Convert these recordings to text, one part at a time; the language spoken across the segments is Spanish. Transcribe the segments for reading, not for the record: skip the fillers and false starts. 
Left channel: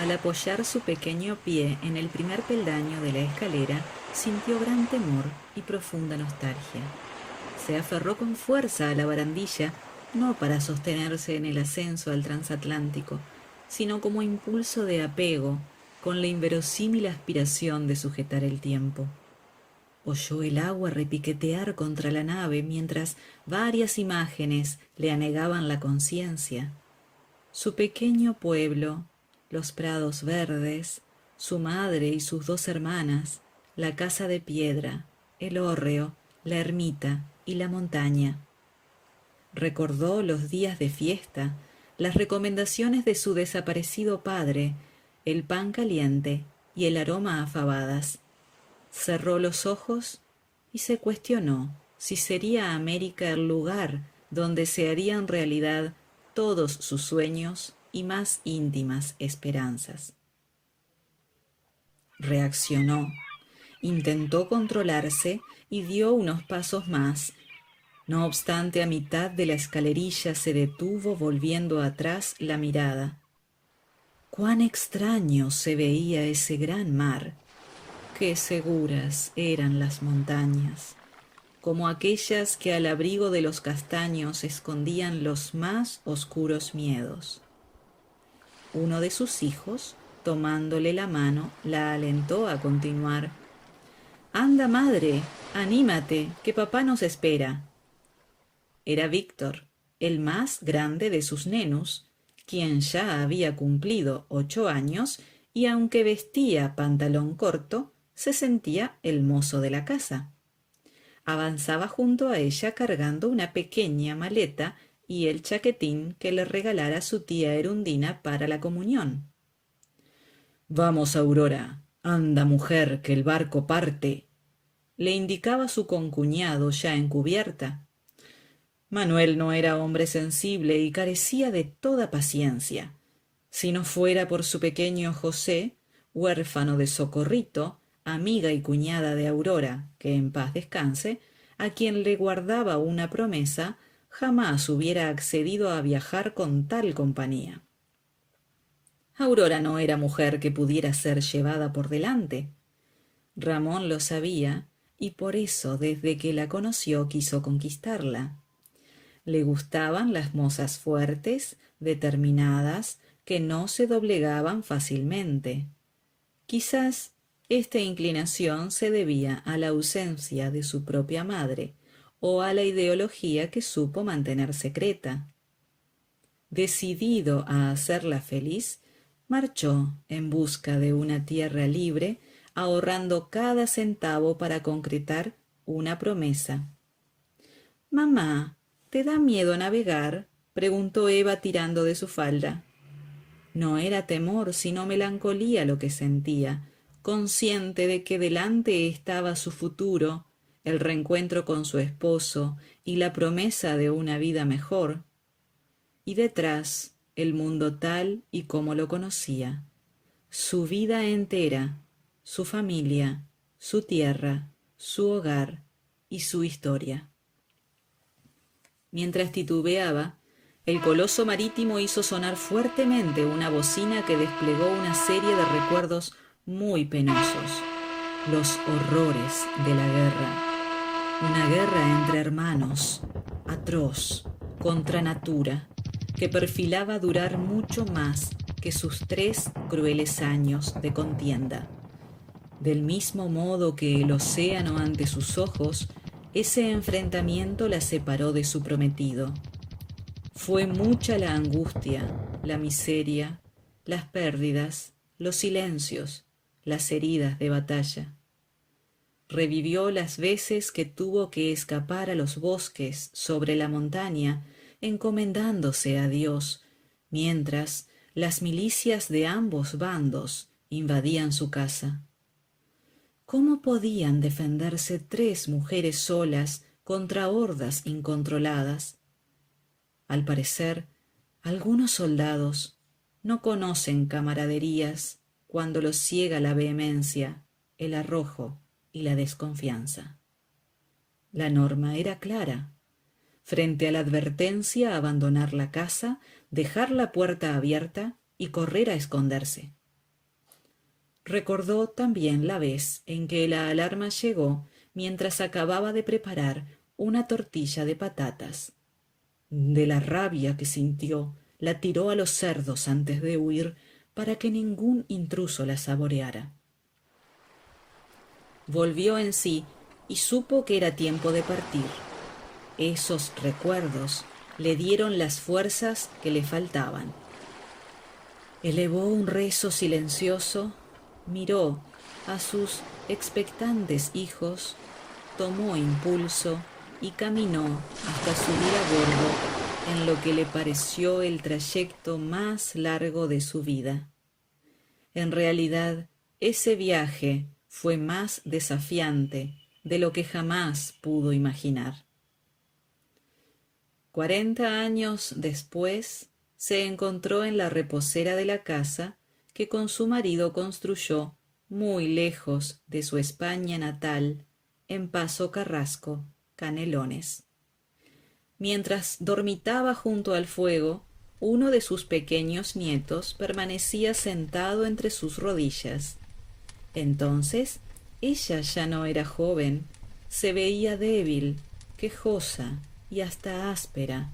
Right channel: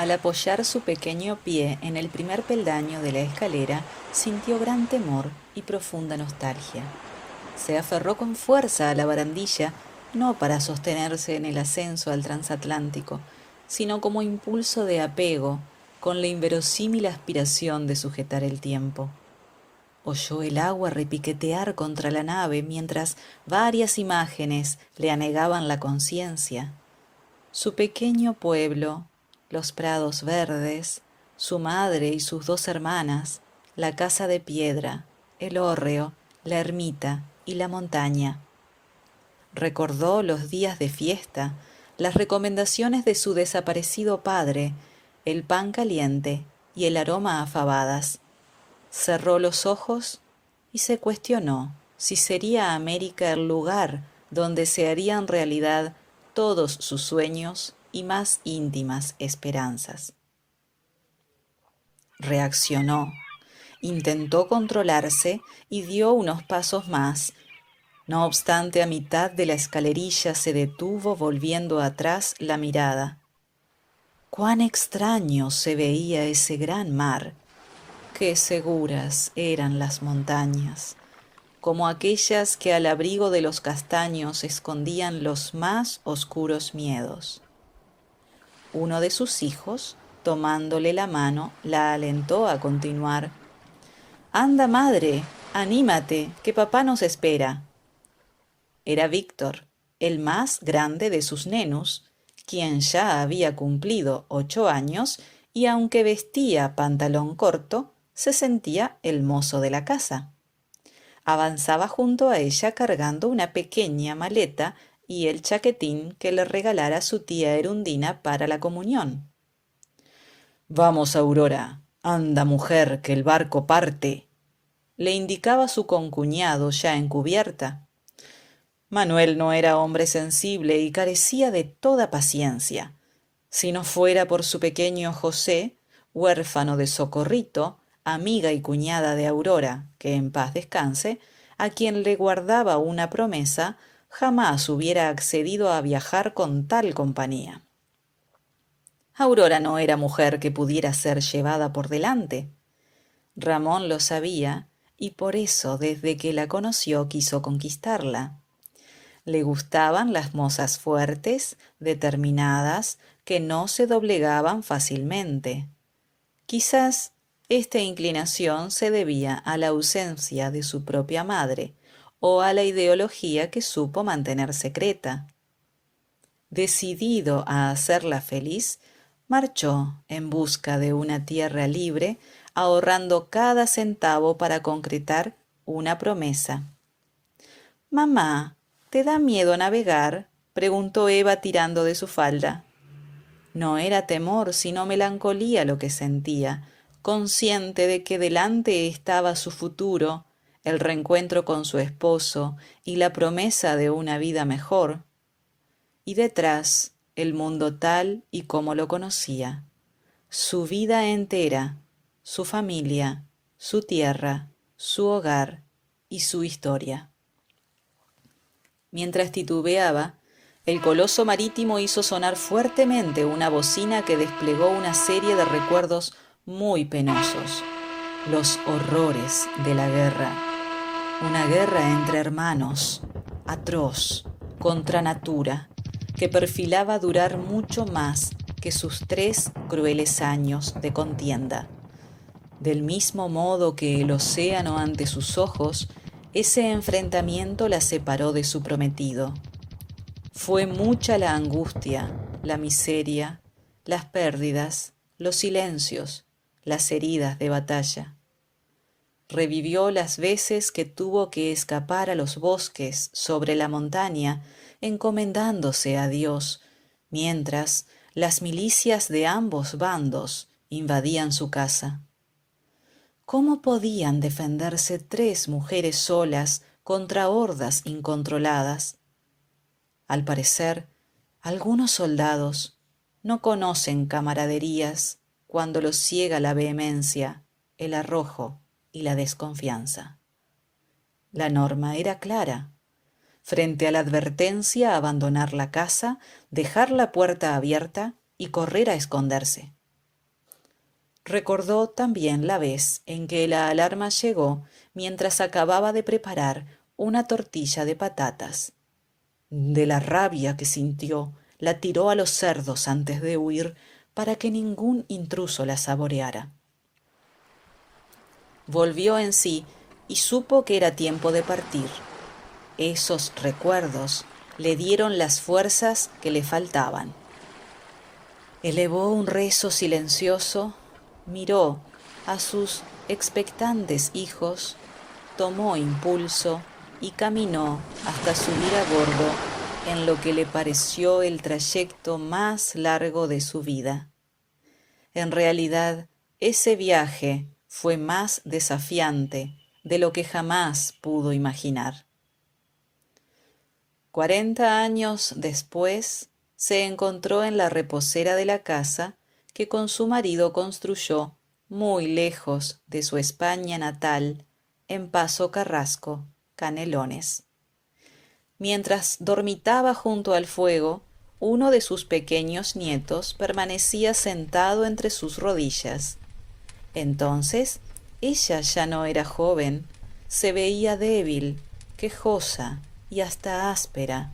Al apoyar su pequeño pie en el primer peldaño de la escalera, sintió gran temor y profunda nostalgia. Se aferró con fuerza a la barandilla, no para sostenerse en el ascenso al transatlántico, sino como impulso de apego, con la inverosímil aspiración de sujetar el tiempo. Oyó el agua repiquetear contra la nave mientras varias imágenes le anegaban la conciencia. Su pequeño pueblo, los prados verdes, su madre y sus dos hermanas, la casa de piedra, el hórreo, la ermita y la montaña. Recordó los días de fiesta, las recomendaciones de su desaparecido padre, el pan caliente y el aroma a fabadas. Cerró los ojos y se cuestionó si sería América el lugar donde se harían realidad todos sus sueños y más íntimas esperanzas. Reaccionó, intentó controlarse y dio unos pasos más. No obstante, a mitad de la escalerilla se detuvo volviendo atrás la mirada. Cuán extraño se veía ese gran mar, qué seguras eran las montañas, como aquellas que al abrigo de los castaños escondían los más oscuros miedos. Uno de sus hijos, tomándole la mano, la alentó a continuar. Anda, madre, anímate, que papá nos espera. Era Víctor, el más grande de sus nenos, quien ya había cumplido 8 años y aunque vestía pantalón corto, se sentía el mozo de la casa. Avanzaba junto a ella cargando una pequeña maleta y el chaquetín que le regalara su tía Erundina para la comunión. Vamos, Aurora, anda, mujer, que el barco parte, le indicaba su concuñado ya en cubierta. Manuel no era hombre sensible y carecía de toda paciencia. Si no fuera por su pequeño José, huérfano de Socorrito, amiga y cuñada de Aurora, que en paz descanse, a quien le guardaba una promesa, jamás hubiera accedido a viajar con tal compañía. Aurora no era mujer que pudiera ser llevada por delante. Ramón lo sabía y por eso desde que la conoció quiso conquistarla. Le gustaban las mozas fuertes, determinadas, que no se doblegaban fácilmente. Quizás esta inclinación se debía a la ausencia de su propia madre o a la ideología que supo mantener secreta. Decidido a hacerla feliz, marchó en busca de una tierra libre, ahorrando cada centavo para concretar una promesa. Mamá, ¿te da miedo navegar? Preguntó Eva tirando de su falda. No era temor, sino melancolía lo que sentía, consciente de que delante estaba su futuro, el reencuentro con su esposo y la promesa de una vida mejor. Y detrás, el mundo tal y como lo conocía, su vida entera, su familia, su tierra, su hogar y su historia. Mientras titubeaba, el coloso marítimo hizo sonar fuertemente una bocina que desplegó una serie de recuerdos muy penosos, los horrores de la guerra. Una guerra entre hermanos, atroz, contra natura, que perfilaba durar mucho más que sus 3 crueles años de contienda. Del mismo modo que el océano ante sus ojos, ese enfrentamiento la separó de su prometido. Fue mucha la angustia, la miseria, las pérdidas, los silencios, las heridas de batalla. Revivió las veces que tuvo que escapar a los bosques sobre la montaña, encomendándose a Dios, mientras las milicias de ambos bandos invadían su casa. ¿Cómo podían defenderse 3 mujeres solas contra hordas incontroladas? Al parecer, algunos soldados no conocen camaraderías cuando los ciega la vehemencia, el arrojo y la desconfianza. La norma era clara. Frente a la advertencia, abandonar la casa, dejar la puerta abierta y correr a esconderse. Recordó también la vez en que la alarma llegó mientras acababa de preparar una tortilla de patatas. De la rabia que sintió, la tiró a los cerdos antes de huir para que ningún intruso la saboreara. Volvió en sí y supo que era tiempo de partir. Esos recuerdos le dieron las fuerzas que le faltaban. Elevó un rezo silencioso, miró a sus expectantes hijos, tomó impulso y caminó hasta subir a bordo en lo que le pareció el trayecto más largo de su vida. En realidad, ese viaje fue más desafiante de lo que jamás pudo imaginar. 40 años después, se encontró en la reposera de la casa que con su marido construyó muy lejos de su España natal, en Paso Carrasco, Canelones. Mientras dormitaba junto al fuego, uno de sus pequeños nietos permanecía sentado entre sus rodillas. Entonces, ella ya no era joven, se veía débil, quejosa y hasta áspera,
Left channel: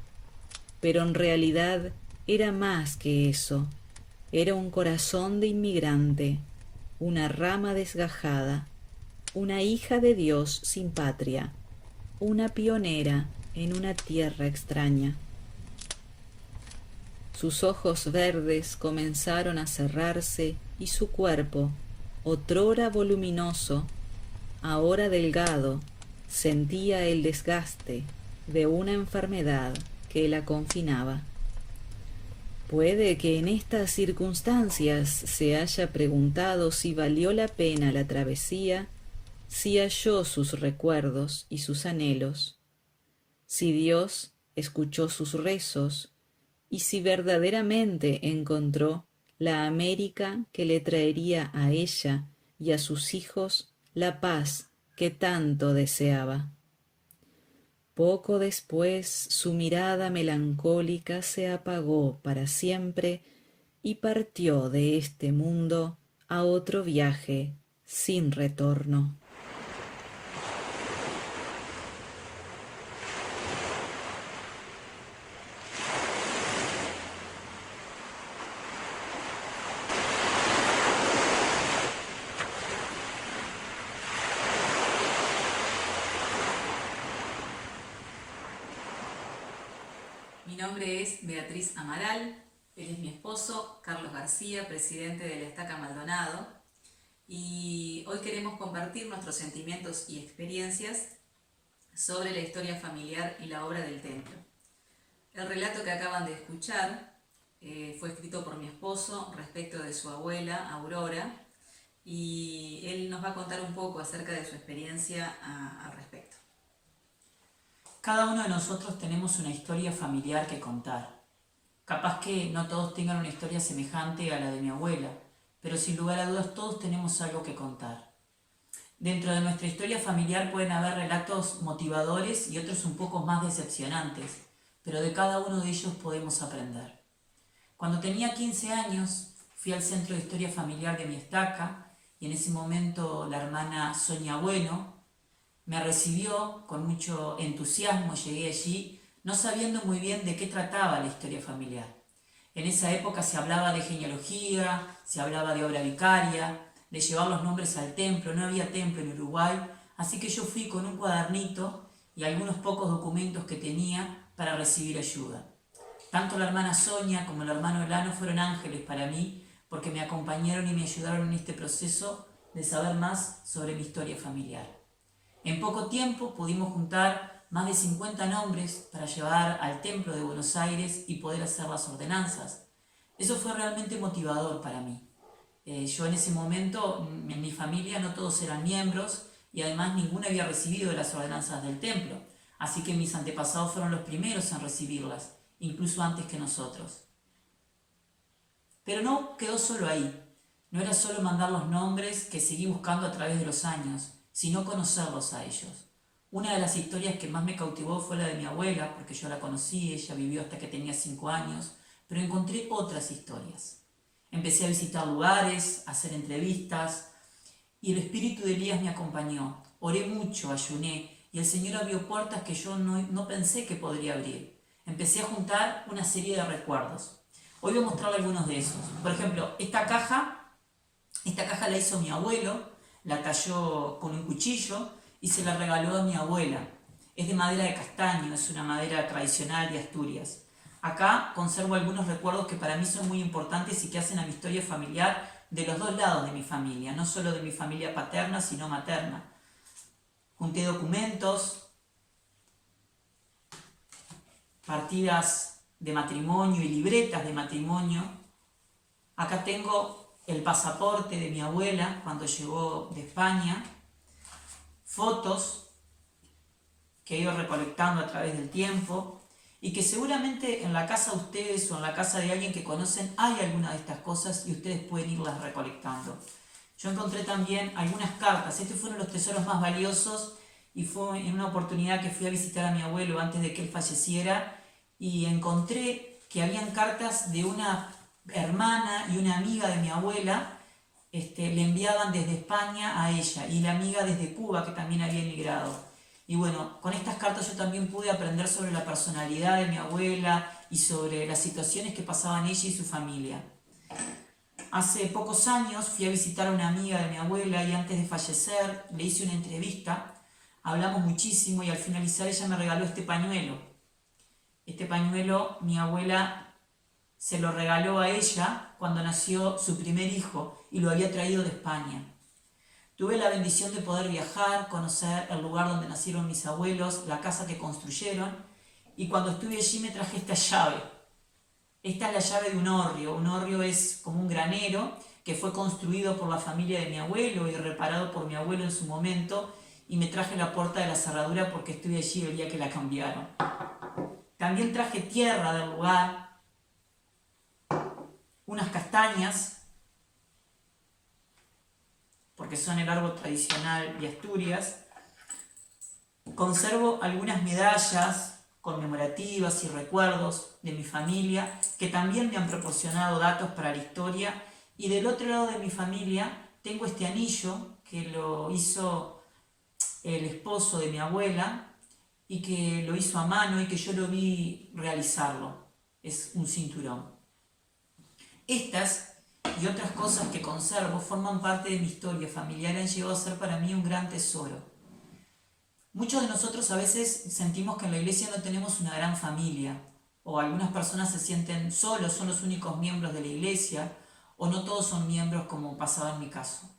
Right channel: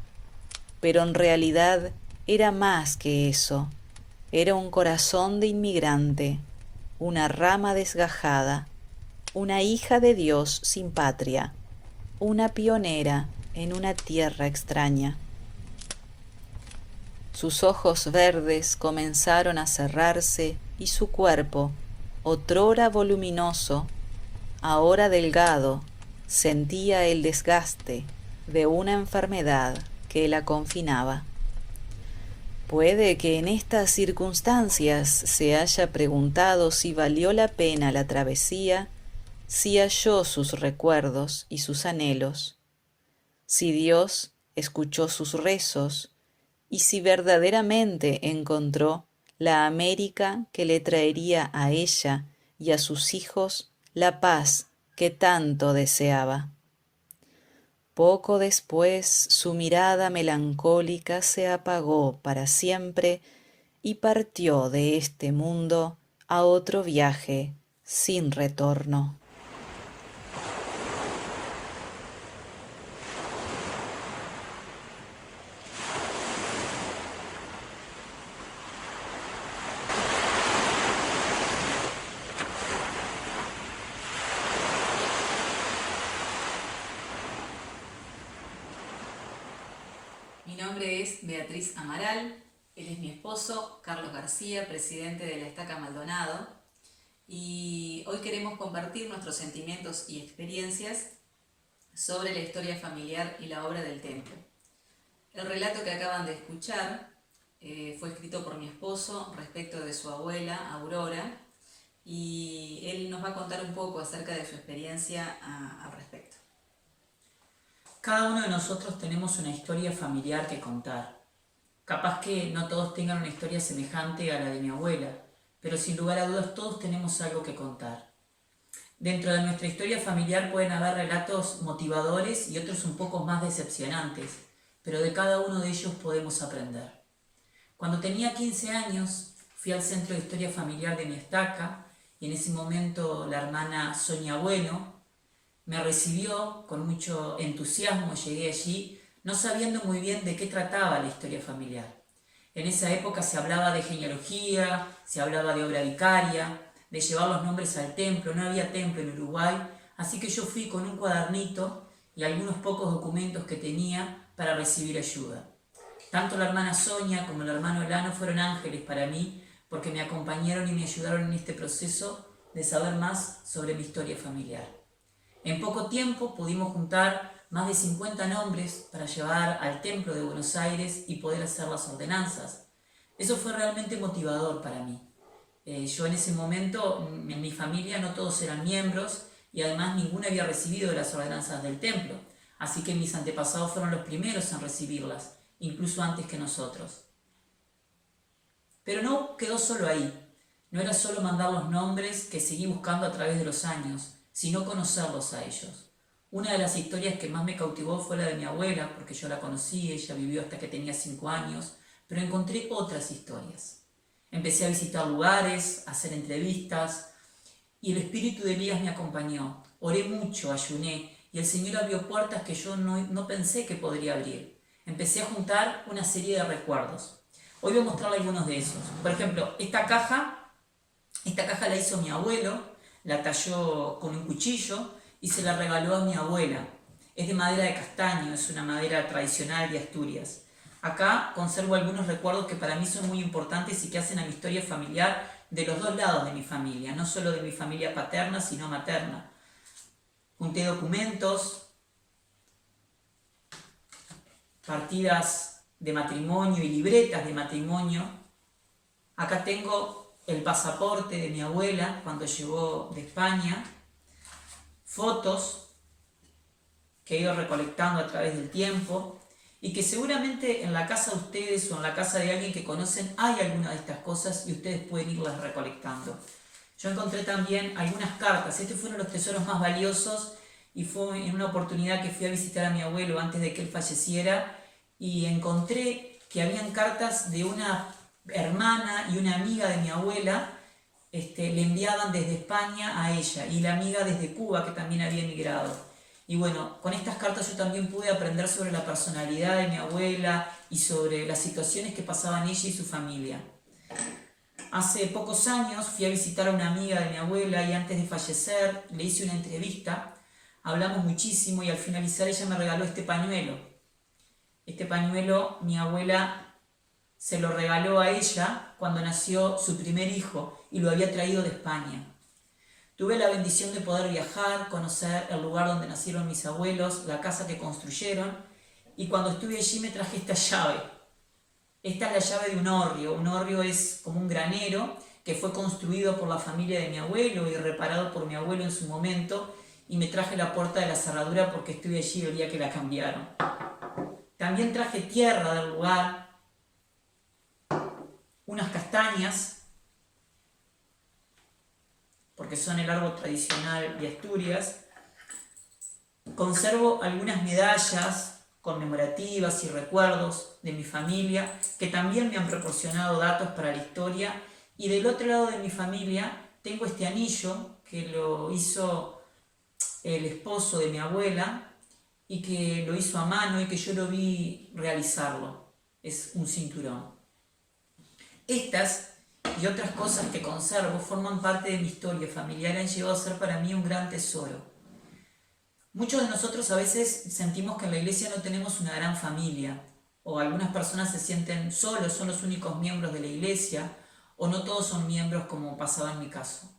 pero en realidad era más que eso. Era un corazón de inmigrante, una rama desgajada, una hija de Dios sin patria, una pionera en una tierra extraña. Sus ojos verdes comenzaron a cerrarse y su cuerpo, otrora voluminoso, ahora delgado, sentía el desgaste de una enfermedad que la confinaba. Puede que en estas circunstancias se haya preguntado si valió la pena la travesía, si halló sus recuerdos y sus anhelos, si Dios escuchó sus rezos y si verdaderamente encontró la América que le traería a ella y a sus hijos la paz que tanto deseaba. Poco después su mirada melancólica se apagó para siempre y partió de este mundo a otro viaje sin retorno. Mi nombre es Beatriz Amaral, él es mi esposo, Carlos García, presidente de la Estaca Maldonado, y hoy queremos compartir nuestros sentimientos y experiencias sobre la historia familiar y la obra del templo. El relato que acaban de escuchar fue escrito por mi esposo respecto de su abuela, Aurora, y él nos va a contar un poco acerca de su experiencia al respecto. Cada uno de nosotros tenemos una historia familiar que contar. Capaz que no todos tengan una historia semejante a la de mi abuela, pero sin lugar a dudas todos tenemos algo que contar. Dentro de nuestra historia familiar pueden haber relatos motivadores y otros un poco más decepcionantes, pero de cada uno de ellos podemos aprender. Cuando tenía 15 años, fui al Centro de Historia Familiar de mi estaca y en ese momento la hermana Sonia Bueno me recibió con mucho entusiasmo. Llegué allí no sabiendo muy bien de qué trataba la historia familiar. En esa época se hablaba de genealogía, se hablaba de obra vicaria, de llevar los nombres al templo. No había templo en Uruguay, así que yo fui con un cuadernito y algunos pocos documentos que tenía para recibir ayuda. Tanto la hermana Sonia como el hermano Elano fueron ángeles para mí porque me acompañaron y me ayudaron en este proceso de saber más sobre mi historia familiar. En poco tiempo pudimos juntar más de 50 nombres para llevar al templo de Buenos Aires y poder hacer las ordenanzas. Eso fue realmente motivador para mí. Yo en ese momento, en mi familia no todos eran miembros y además ninguno había recibido las ordenanzas del templo, así que mis antepasados fueron los primeros en recibirlas, incluso antes que nosotros. Pero no quedó solo ahí. No era solo mandar los nombres que seguí buscando a través de los años, sino conocerlos a ellos. Una de las historias que más me cautivó fue la de mi abuela, porque yo la conocí, ella vivió hasta que tenía 5 años, pero encontré otras historias. Empecé a visitar lugares, a hacer entrevistas y el espíritu de Elías me acompañó. Oré mucho, ayuné y el Señor abrió puertas que yo no pensé que podría abrir. Empecé a juntar una serie de recuerdos. Hoy voy a mostrarle algunos de esos. Por ejemplo, esta caja la hizo mi abuelo, la talló con un cuchillo y se la regaló a mi abuela. Es de madera de castaño, es una madera tradicional de Asturias. Acá conservo algunos recuerdos que para mí son muy importantes y que hacen a mi historia familiar de los dos lados de mi familia, no solo de mi familia paterna, sino materna. Junté documentos, partidas de matrimonio y libretas de matrimonio. Acá tengo el pasaporte de mi abuela cuando llegó de España, fotos que he ido recolectando a través del tiempo y que seguramente en la casa de ustedes o en la casa de alguien que conocen hay alguna de estas cosas y ustedes pueden irlas recolectando. Yo encontré también algunas cartas. Este fue uno de los tesoros más valiosos y fue en una oportunidad que fui a visitar a mi abuelo antes de que él falleciera y encontré que habían cartas de una hermana y una amiga de mi abuela, le enviaban desde España a ella y la amiga desde Cuba que también había emigrado. Y bueno, con estas cartas yo también pude aprender sobre la personalidad de mi abuela y sobre las situaciones que pasaban ella y su familia. Hace pocos años fui a visitar a una amiga de mi abuela y antes de fallecer le hice una entrevista, hablamos muchísimo y al finalizar ella me regaló este pañuelo. Este pañuelo mi abuela se lo regaló a ella cuando nació su primer hijo y lo había traído de España. Tuve la bendición de poder viajar, conocer el lugar donde nacieron mis abuelos, la casa que construyeron y cuando estuve allí me traje esta llave. Esta es la llave de un hórreo. Un hórreo es como un granero que fue construido por la familia de mi abuelo y reparado por mi abuelo en su momento y me traje la puerta de la cerradura porque estuve allí el día que la cambiaron. También traje tierra del lugar, unas castañas, porque son el árbol tradicional de Asturias. Conservo algunas medallas conmemorativas y recuerdos de mi familia que también me han proporcionado datos para la historia. Y del otro lado de mi familia tengo este anillo que lo hizo el esposo de mi abuela y que lo hizo a mano y que yo lo vi realizarlo. Es un cinturón. Estas y otras cosas que conservo forman parte de mi historia familiar y han llegado a ser para mí un gran tesoro. Muchos de nosotros a veces sentimos que en la iglesia no tenemos una gran familia, o algunas personas se sienten solos, son los únicos miembros de la iglesia, o no todos son miembros como pasaba en mi caso.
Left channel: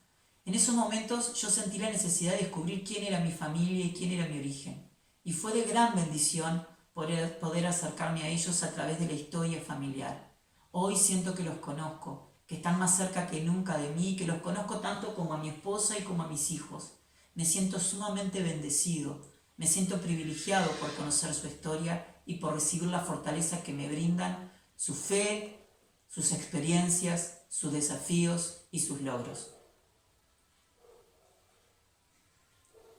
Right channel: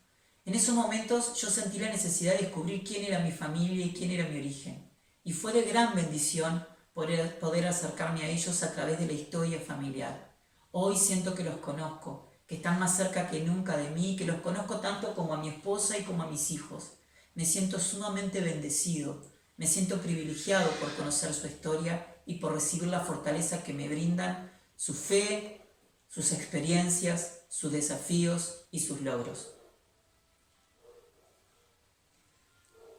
En esos momentos yo sentí la necesidad de descubrir quién era mi familia y quién era mi origen, y fue de gran bendición poder acercarme a ellos a través de la historia familiar. Hoy siento que los conozco, que están más cerca que nunca de mí, que los conozco tanto como a mi esposa y como a mis hijos. Me siento sumamente bendecido, me siento privilegiado por conocer su historia y por recibir la fortaleza que me brindan su fe, sus experiencias, sus desafíos y sus logros.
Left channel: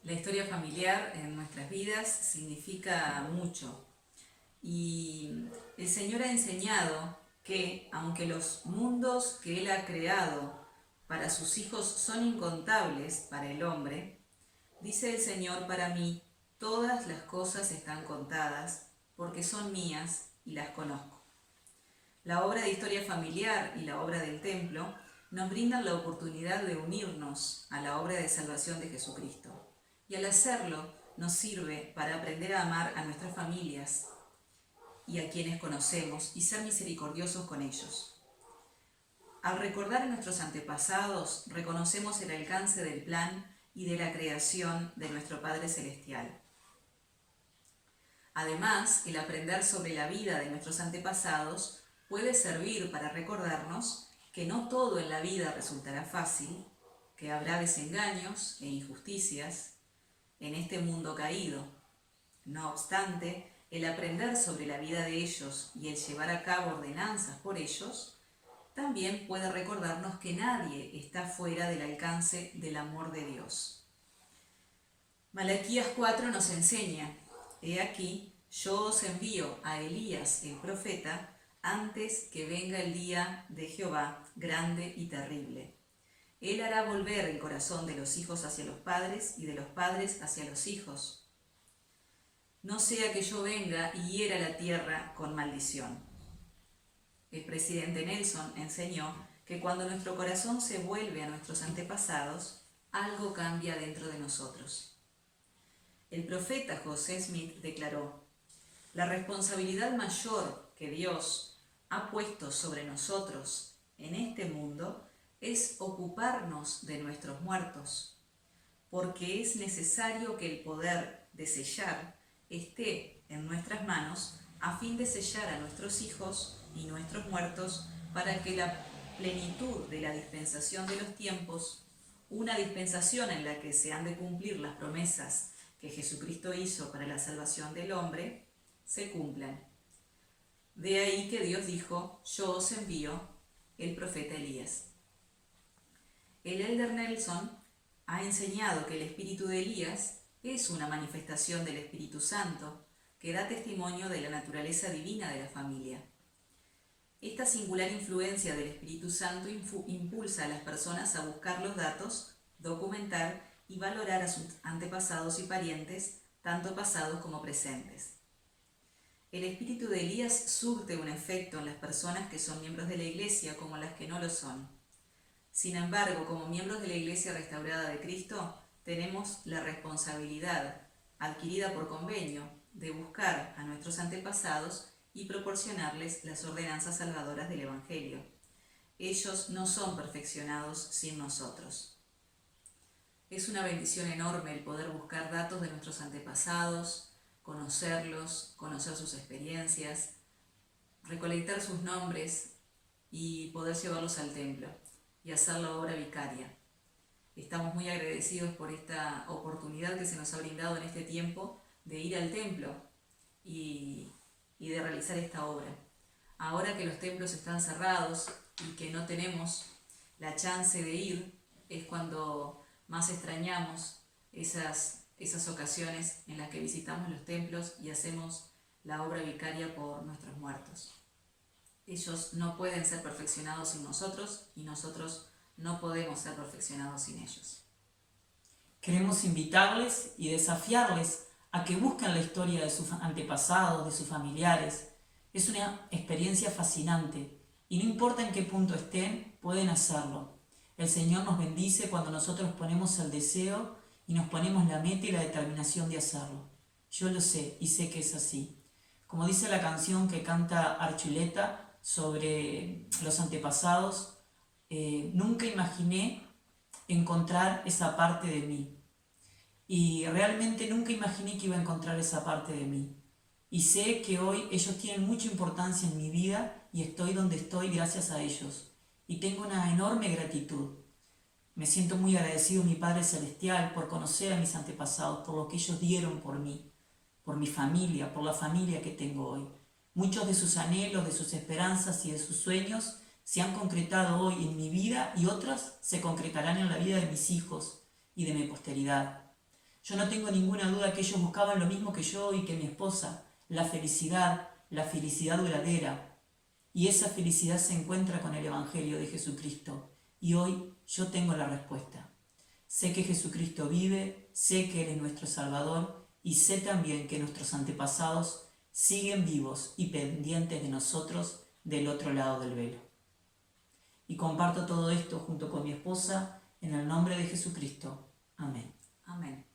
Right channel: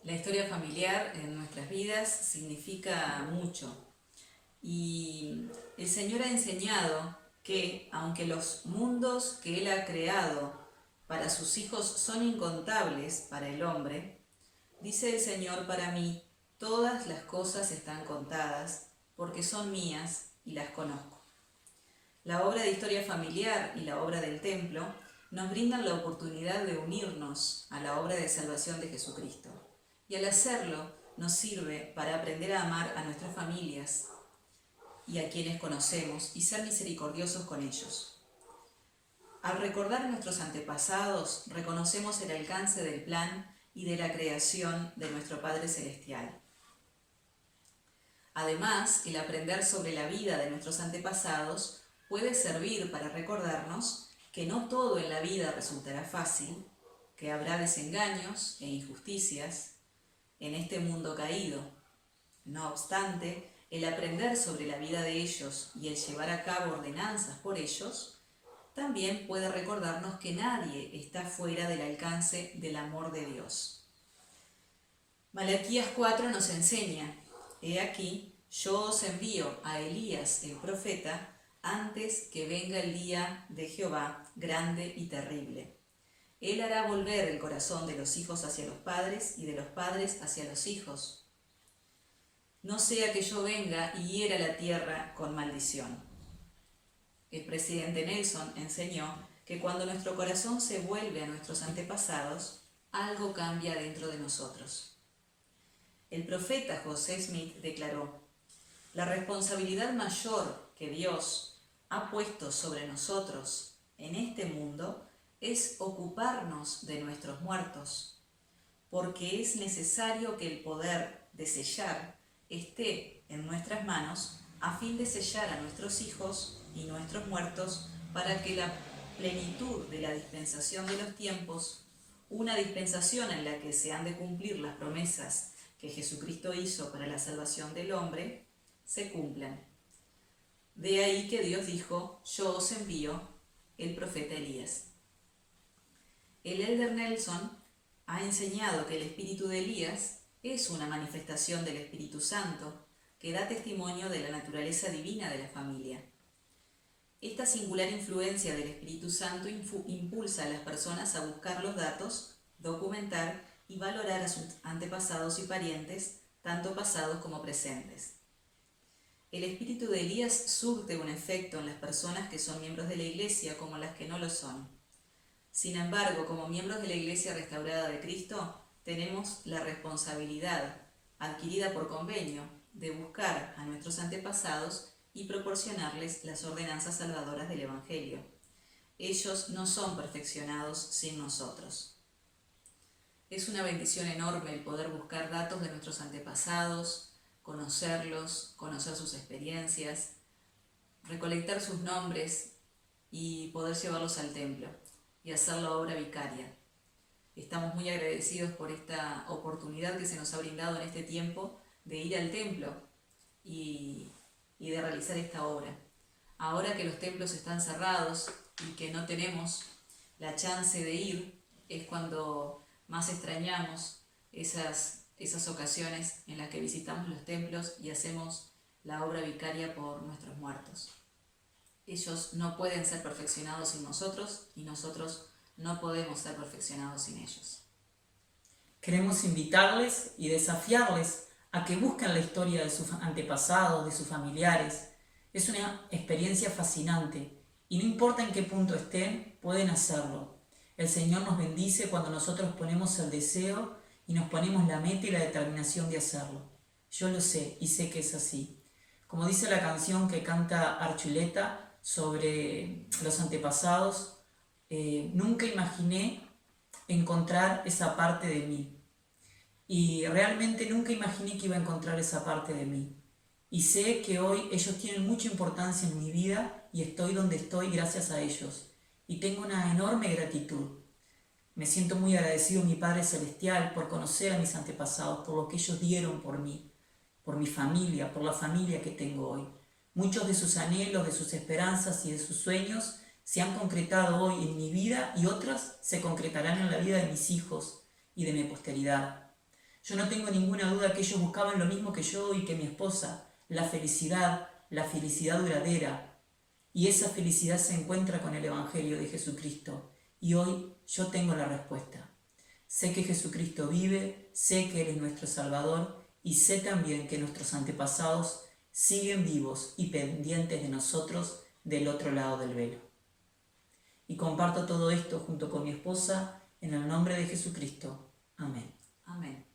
La historia familiar en nuestras vidas significa mucho y el Señor ha enseñado que aunque los mundos que Él ha creado para sus hijos son incontables para el hombre, dice el Señor: para mí todas las cosas están contadas porque son mías y las conozco. La obra de historia familiar y la obra del templo nos brindan la oportunidad de unirnos a la obra de salvación de Jesucristo. Y al hacerlo nos sirve para aprender a amar a nuestras familias y a quienes conocemos y ser misericordiosos con ellos. Al recordar a nuestros antepasados, reconocemos el alcance del plan y de la creación de nuestro Padre Celestial. Además, el aprender sobre la vida de nuestros antepasados puede servir para recordarnos que no todo en la vida resultará fácil, que habrá desengaños e injusticias en este mundo caído. No obstante, el aprender sobre la vida de ellos y el llevar a cabo ordenanzas por ellos, también puede recordarnos que nadie está fuera del alcance del amor de Dios. Malaquías 4 nos enseña: he aquí, yo os envío a Elías el profeta antes que venga el día de Jehová, grande y terrible. Él hará volver el corazón de los hijos hacia los padres y de los padres hacia los hijos. No sea que yo venga y hiera la tierra con maldición. El presidente Nelson enseñó que cuando nuestro corazón se vuelve a nuestros antepasados, algo cambia dentro de nosotros. El profeta José Smith declaró: la responsabilidad mayor que Dios ha puesto sobre nosotros en este mundo es ocuparnos de nuestros muertos, porque es necesario que el poder de sellar esté en nuestras manos a fin de sellar a nuestros hijos y nuestros muertos para que la plenitud de la dispensación de los tiempos, una dispensación en la que se han de cumplir las promesas que Jesucristo hizo para la salvación del hombre, se cumplan. De ahí que Dios dijo: yo os envío el profeta Elías. El Elder Nelson ha enseñado que el espíritu de Elías es una manifestación del Espíritu Santo que da testimonio de la naturaleza divina de la familia. Esta singular influencia del Espíritu Santo impulsa a las personas a buscar los datos, documentar y valorar a sus antepasados y parientes, tanto pasados como presentes. El espíritu de Elías surte un efecto en las personas que son miembros de la Iglesia como las que no lo son. Sin embargo, como miembros de la Iglesia restaurada de Cristo, tenemos la responsabilidad, adquirida por convenio, de buscar a nuestros antepasados y proporcionarles las ordenanzas salvadoras del Evangelio. Ellos no son perfeccionados sin nosotros. Es una bendición enorme el poder buscar datos de nuestros antepasados, conocerlos, conocer sus experiencias, recolectar sus nombres y poder llevarlos al templo y hacer la obra vicaria. Estamos muy agradecidos por esta oportunidad que se nos ha brindado en este tiempo de ir al templo y de realizar esta obra. Ahora que los templos están cerrados y que no tenemos la chance de ir, es cuando más extrañamos esas ocasiones en las que visitamos los templos y hacemos la obra vicaria por nuestros muertos. Ellos no pueden ser perfeccionados sin nosotros y nosotros no podemos ser perfeccionados sin ellos. Queremos invitarles y desafiarles a que busquen la historia de sus antepasados, de sus familiares. Es una experiencia fascinante y no importa en qué punto estén, pueden hacerlo. El Señor nos bendice cuando nosotros ponemos el deseo y nos ponemos la meta y la determinación de hacerlo. Yo lo sé y sé que es así. Como dice la canción que canta Archuleta sobre los antepasados, nunca imaginé encontrar esa parte de mí. Y realmente nunca imaginé que iba a encontrar esa parte de mí. Y sé que hoy ellos tienen mucha importancia en mi vida y estoy donde estoy gracias a ellos. Y tengo una enorme gratitud. Me siento muy agradecido a mi Padre Celestial por conocer a mis antepasados, por lo que ellos dieron por mí, por mi familia, por la familia que tengo hoy. Muchos de sus anhelos, de sus esperanzas y de sus sueños se han concretado hoy en mi vida y otras se concretarán en la vida de mis hijos y de mi posteridad. Yo no tengo ninguna duda que ellos buscaban lo mismo que yo y que mi esposa, la felicidad duradera. Y esa felicidad se encuentra con el Evangelio de Jesucristo. Y hoy yo tengo la respuesta. Sé que Jesucristo vive, sé que Él es nuestro Salvador y sé también que nuestros antepasados siguen vivos y pendientes de nosotros del otro lado del velo. Y comparto todo esto junto con mi esposa en el nombre de Jesucristo. Amén. Amén.